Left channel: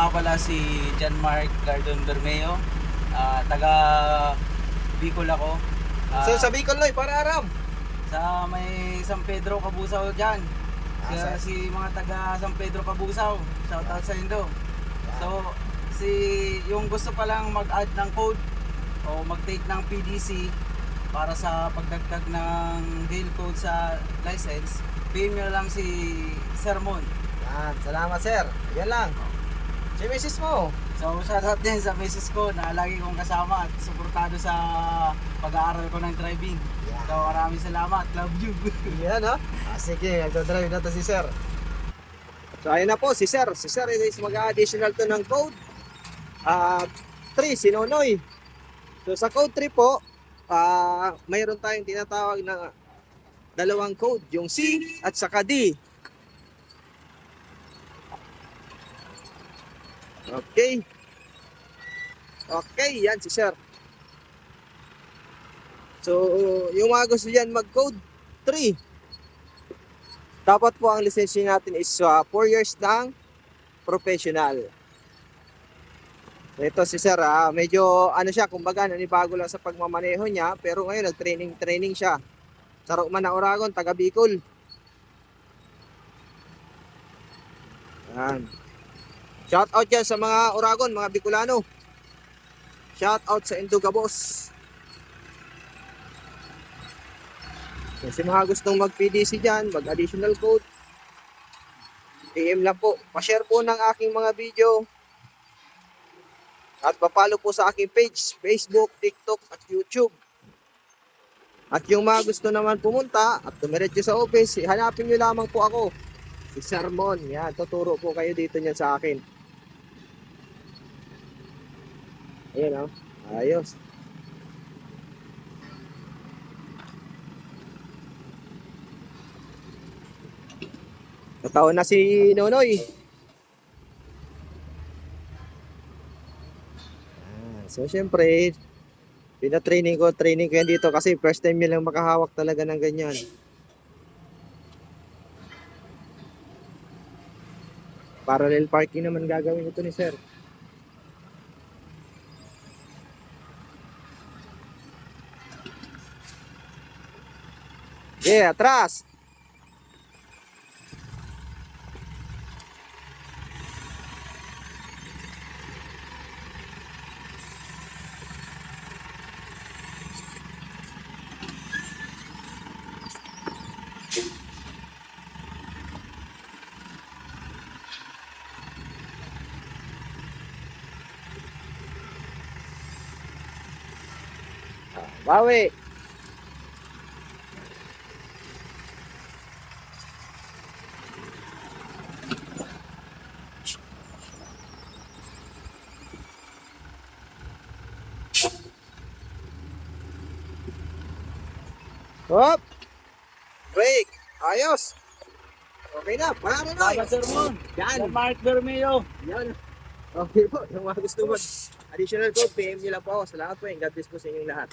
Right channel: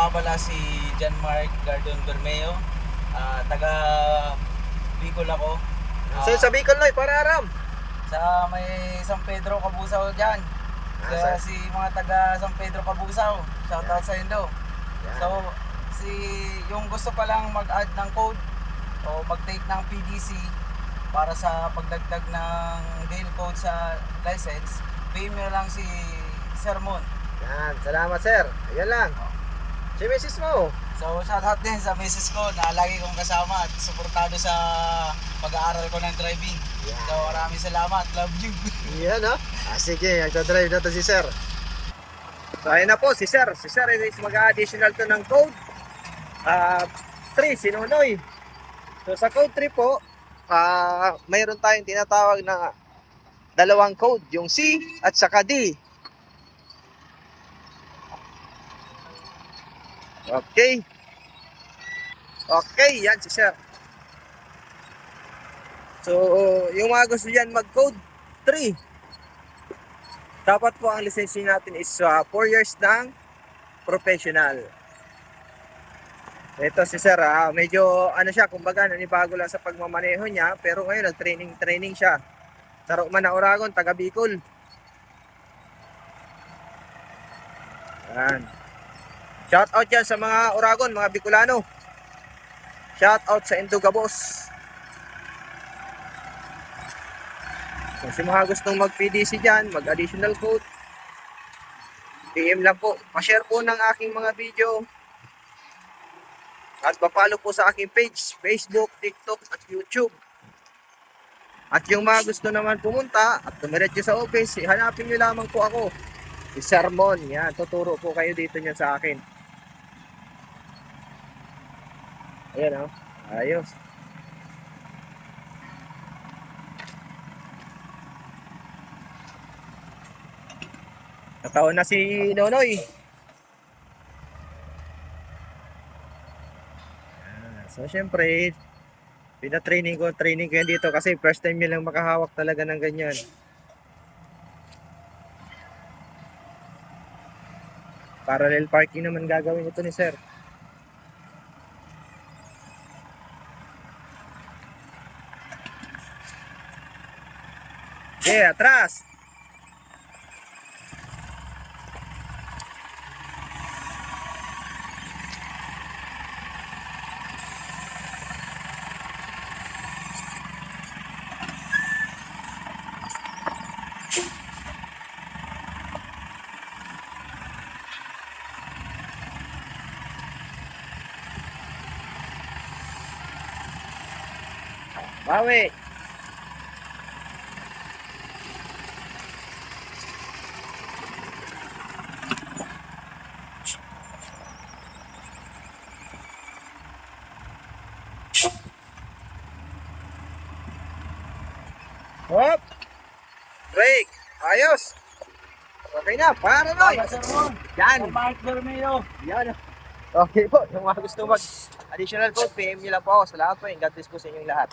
nga pala si John Mark Gardon Bermeo. Taga Bicol ako. So sa Bicol Noy, para aram. Sa may San Pedro Cabusaw dyan. Kaya si mga taga San Pedro Cabusaw, shoutout sa Indo. So yung gusto pa lang mag-add ng code o mag-take ng PDC para sa pagdagdag ng vehicle code sa license, PM nyo lang si Sir Mon. Yan, salamat sir. Ayan lang. Si Mrs. mo. So shoutout din sa misis ko na lagi kong kasama at suportado sa pag-aaral ko ng driving. Yan. So maraming salamat, love you. Yan ha. Sige, nagdadrive na to si sir. So ayun na po si sir. Si sir is mag-additional to ng code 3, si Nonoy. So sa code 3 po, mayroon tayong tinatawag na dalawang code, yung C at saka D. Okay. Okay, yan si sir. So, yung mga gusto dyan mag-code 3, dapat po ang lisensya natin is 4 years ng professional. Ito si sir, medyo ano siya, kumbaga nanibago lang sa pagmamaneho niya, pero ngayon nag-training siya. Sa Roman na Oragon, taga Bicol. Yan. Shout out yan sa mga Oragon, mga Bicolano. Shout out sa Indugabos. Kasi mga gustong mag-PDC dyan, mag-additional code, PM lang po. Pa-share po ng aking mga video. At pa-follow po sa aking page, Facebook, TikTok, at YouTube. At yung mga gusto naman pumunta at dumiretso sa office, hanapin nyo lamang po ako. Si Sermon, yan, tuturo po kayo dito niyan sa akin. Ayan o, ayos. Nataon na si Nonoy. So syempre, training ko yan dito kasi first time niya lang makahawak talaga ng ganyan. Parallel parking naman gagawin ito ni sir. Yeah, atras. Bawi. Hop. Break. Ayos. Okay na, para na. Salamat Sir Mon. Yan. Sir Mark Bermeo. Yan. Okay po, yung mga gusto mag additional code, PM nyo lang po ako. Salamat po, and God bless po sa inyong lahat.